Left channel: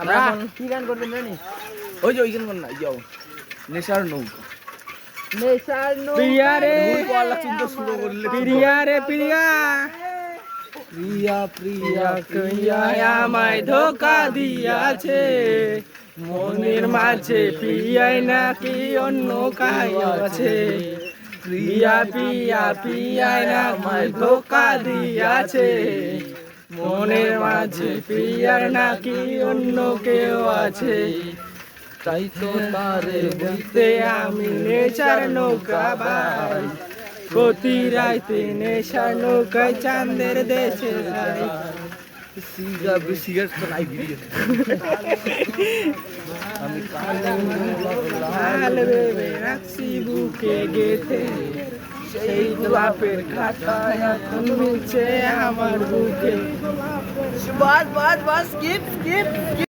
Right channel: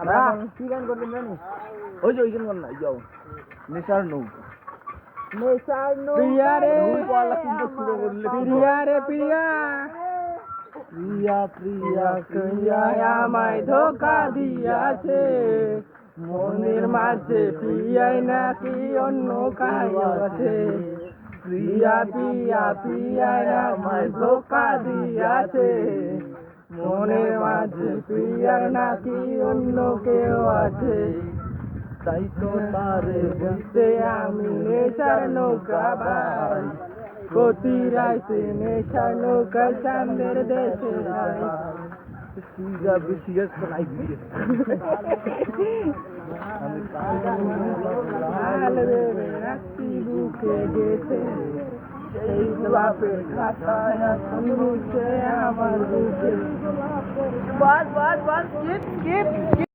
আমরা কি গান করবেন জানি? ওই যে ওই গান না যাও নেশার নৌকা নেশার প্রিয়া রে নৌকা চিন্তা শুরু করলে প্রিয়া রে প্রিয়া প্রিয়া প্রিয়া প্রিয়া আমায় ধোকা দিয়াছে মনের মাঝে প্রিয়াই নাকি অন্য কাই আছে প্রিয়া প্রিয়া প্রিয়াই আমায় ধোকা দিয়াছে মনের মাঝে প্রিয়ার নাকি অন্য কেউ আছে তাই তো তারে দেখতে আমি নেশার নৌকা ভাই প্রতি রাইতে নেশার নৌকায় চাঁদের দেশে যাই সিগারেট তো নাই ভিডিও লাল ভেবে রাখছি বুকে গেথে সেই গোলাপের খাতায় এখন মিলছে আমার বুকে বাস বাস বাস স্কিপ স্কিপ